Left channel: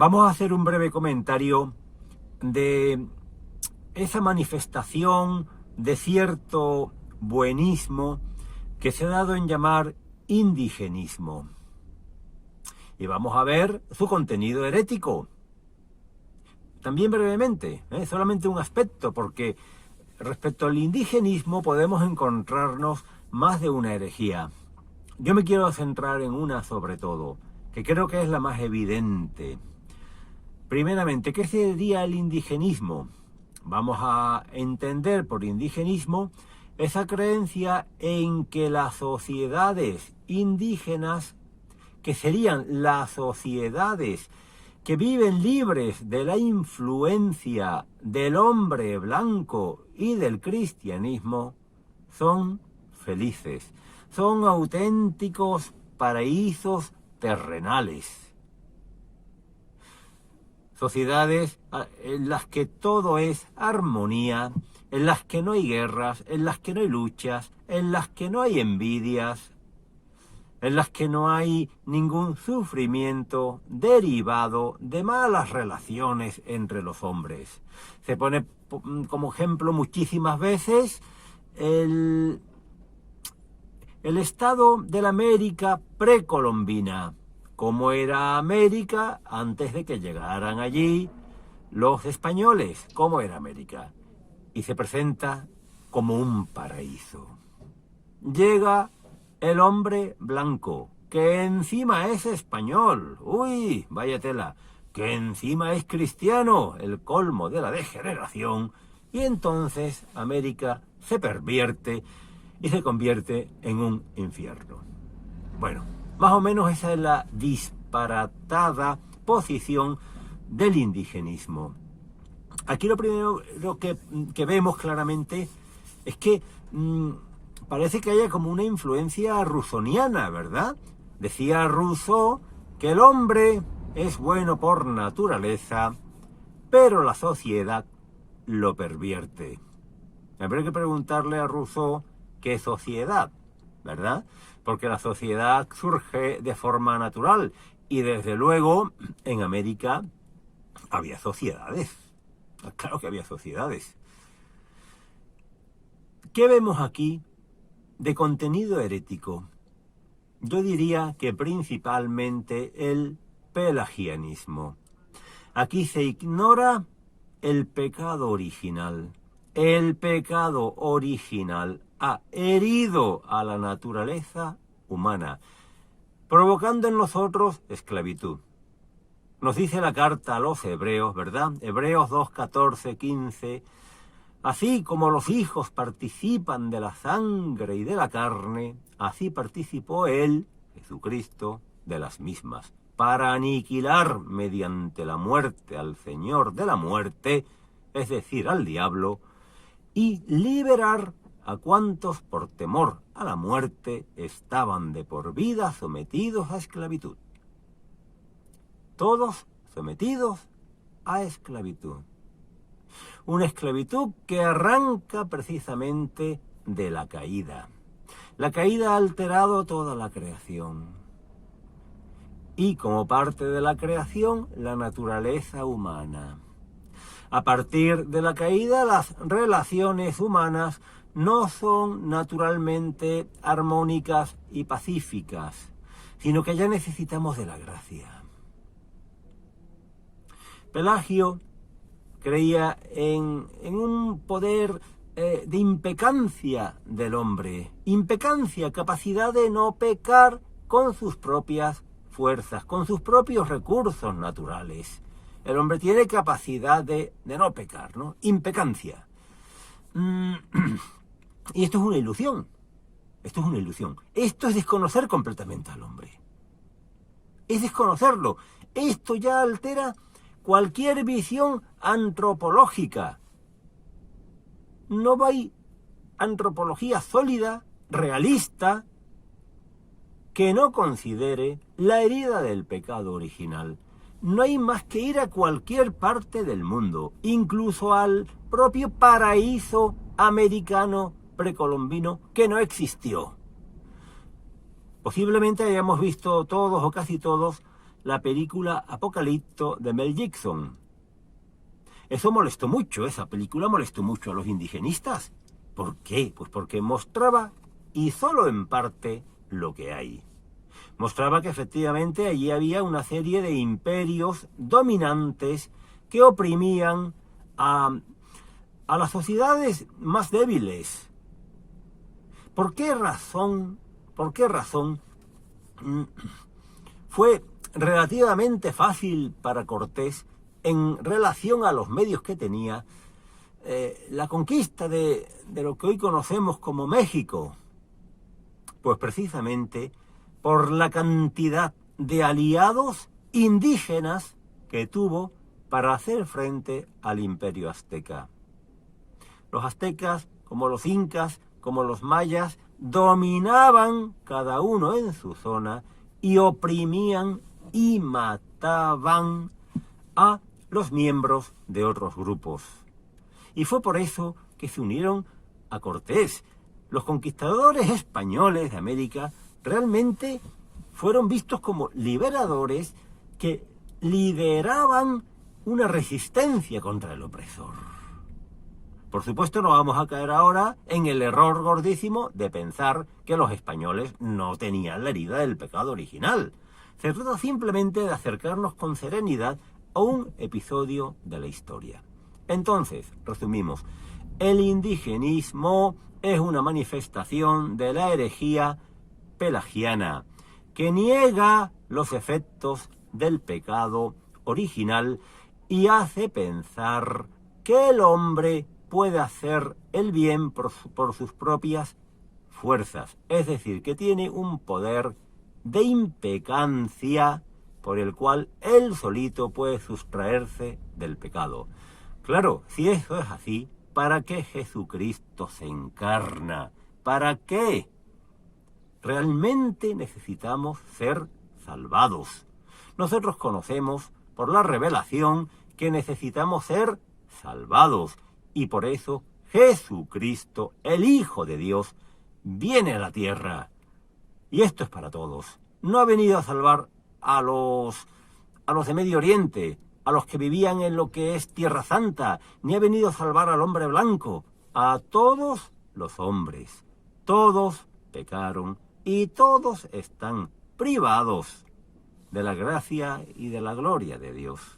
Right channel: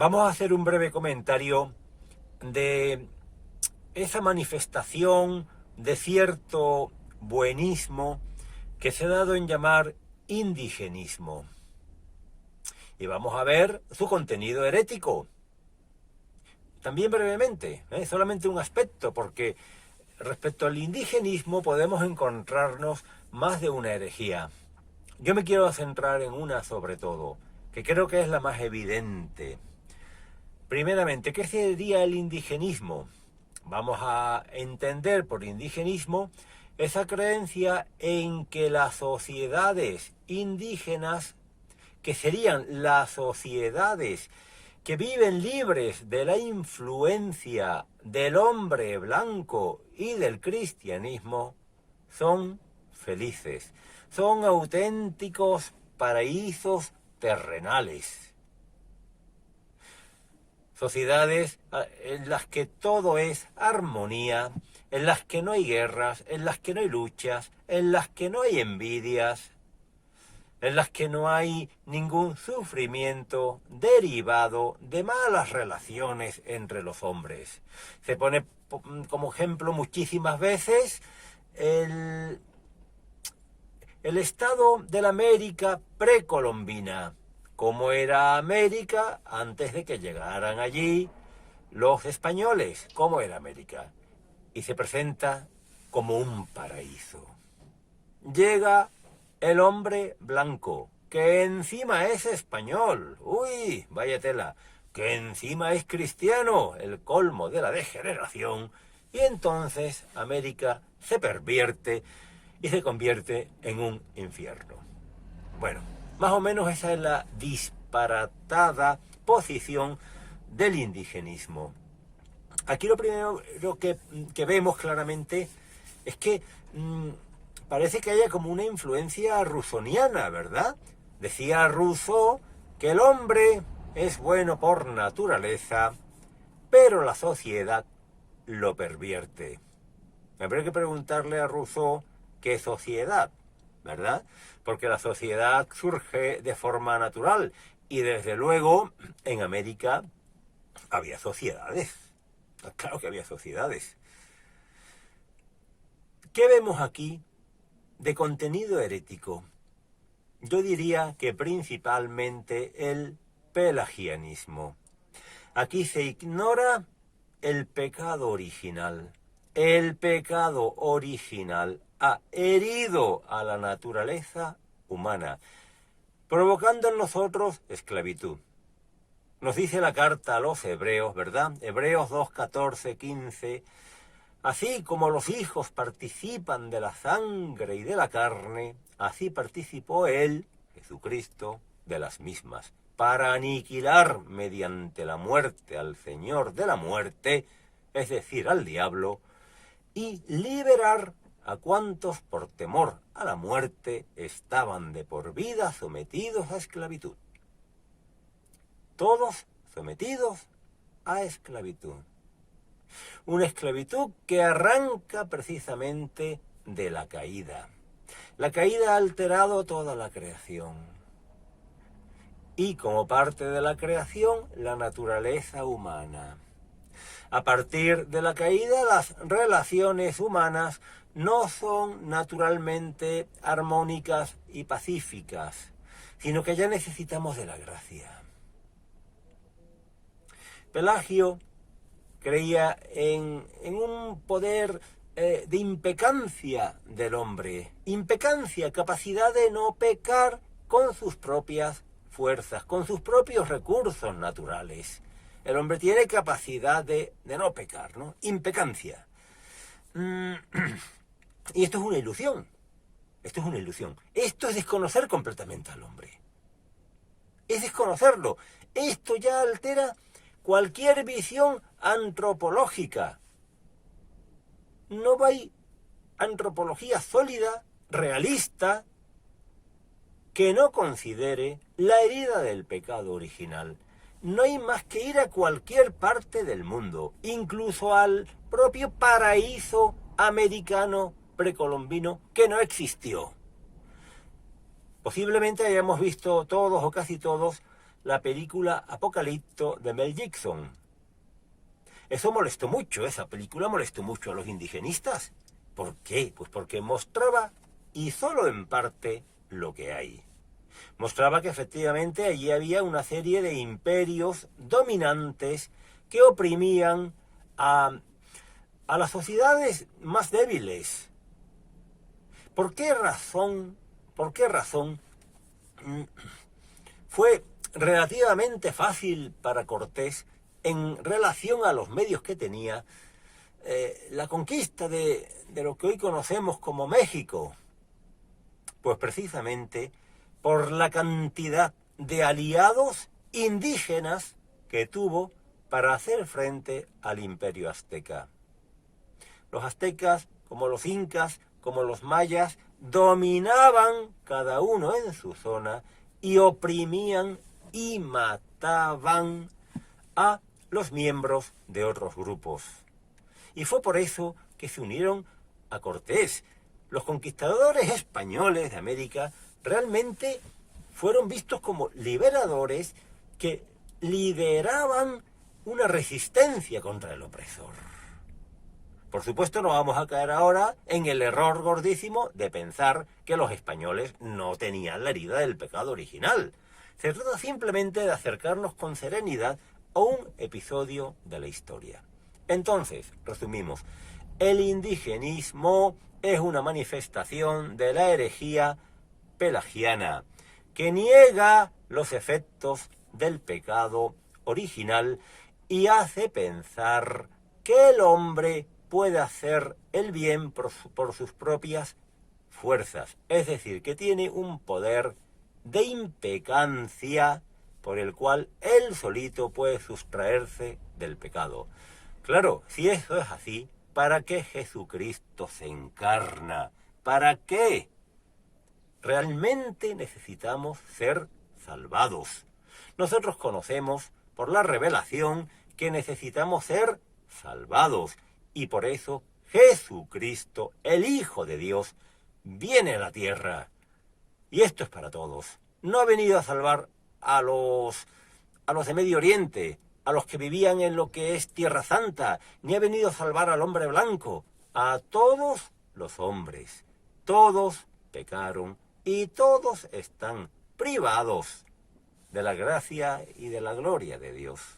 Vamos a hacer un breve comentario de esa manifestación de cierto buenismo que se ha dado en llamar indigenismo. Y vamos a ver su contenido herético. También brevemente, solamente un aspecto, porque respecto al indigenismo podemos encontrarnos más de una herejía. Yo me quiero centrar en una sobre todo, que creo que es la más evidente. Primeramente, ¿qué sería el indigenismo? Vamos a entender por indigenismo esa creencia en que las sociedades indígenas, que serían las sociedades que viven libres de la influencia del hombre blanco y del cristianismo, son felices, son auténticos paraísos terrenales. Sociedades en las que todo es armonía, en las que no hay guerras, en las que no hay luchas, en las que no hay envidias, en las que no hay ningún sufrimiento derivado de malas relaciones entre los hombres. Se pone como ejemplo muchísimas veces el estado de la América precolombina. ¿Cómo era América antes de que llegaran allí los españoles? ¿Cómo era América? Y se presenta como un paraíso. Llega el hombre blanco, que encima es español. ¡Uy, vaya tela! Que encima es cristiano, el colmo de la degeneración. Y entonces América se pervierte y se convierte en un infierno. Bueno, más o menos esa es la disparatada posición del indigenismo. Aquí lo primero que vemos claramente es que parece que haya como una influencia rusoniana, ¿verdad? Decía Rousseau que el hombre es bueno por naturaleza, pero la sociedad lo pervierte. Habría que preguntarle a Rousseau qué sociedad, ¿verdad? Porque la sociedad surge de forma natural y desde luego en América había sociedades. Claro que había sociedades. ¿Qué vemos aquí de contenido herético? Yo diría que principalmente el pelagianismo. Aquí se ignora el pecado original. El pecado original ha herido a la naturaleza humana, provocando en nosotros esclavitud. Nos dice la carta a los hebreos, ¿verdad? Hebreos 2, 14, 15. Así como los hijos participan de la sangre y de la carne, así participó él, Jesucristo, de las mismas, para aniquilar mediante la muerte al Señor de la muerte, es decir, al diablo, y liberar a cuantos por temor a la muerte estaban de por vida sometidos a esclavitud. Todos sometidos a esclavitud. Una esclavitud que arranca precisamente de la caída. La caída ha alterado toda la creación. Y como parte de la creación, la naturaleza humana. A partir de la caída, las relaciones humanas no son naturalmente armónicas y pacíficas, sino que ya necesitamos de la gracia. Pelagio creía en un poder de impecancia del hombre. Impecancia, capacidad de no pecar con sus propias fuerzas, con sus propios recursos naturales. El hombre tiene capacidad de no pecar, ¿no? Impecancia. Y esto es una ilusión. Esto es una ilusión. Esto es desconocer completamente al hombre. Es desconocerlo. Esto ya altera cualquier visión antropológica. No hay antropología sólida, realista, que no considere la herida del pecado original. No hay más que ir a cualquier parte del mundo, incluso al propio paraíso americano precolombino que no existió. Posiblemente hayamos visto todos o casi todos la película Apocalipto de Mel Gibson. Eso molestó mucho, esa película molestó mucho a los indigenistas. ¿Por qué? Pues porque mostraba, y solo en parte, lo que hay. Mostraba que efectivamente allí había una serie de imperios dominantes que oprimían a las sociedades más débiles. ¿Por qué razón fue relativamente fácil para Cortés, en relación a los medios que tenía, la conquista de lo que hoy conocemos como México? Pues precisamente por la cantidad de aliados indígenas que tuvo para hacer frente al imperio azteca. Los aztecas, como los incas, como los mayas, dominaban cada uno en su zona y oprimían y mataban a los miembros de otros grupos. Y fue por eso que se unieron a Cortés. Los conquistadores españoles de América realmente fueron vistos como liberadores que lideraban una resistencia contra el opresor. Por supuesto, no vamos a caer ahora en el error gordísimo de pensar que los españoles no tenían la herida del pecado original. Se trata simplemente de acercarnos con serenidad a un episodio de la historia. Entonces, resumimos, el indigenismo es una manifestación de la herejía pelagiana que niega los efectos del pecado original y hace pensar que el hombre puede hacer el bien por sus propias fuerzas, es decir, que tiene un poder de impecancia por el cual él solito puede sustraerse del pecado. Claro, si eso es así, ¿para qué Jesucristo se encarna? ¿Para qué? Realmente necesitamos ser salvados. Nosotros conocemos por la revelación que necesitamos ser salvados y por eso Jesucristo, el Hijo de Dios, viene a la tierra. Y esto es para todos. No ha venido a salvar a los de Medio Oriente, a los que vivían en lo que es Tierra Santa, ni ha venido a salvar al hombre blanco, a todos los hombres. Todos pecaron y todos están privados de la gracia y de la gloria de Dios.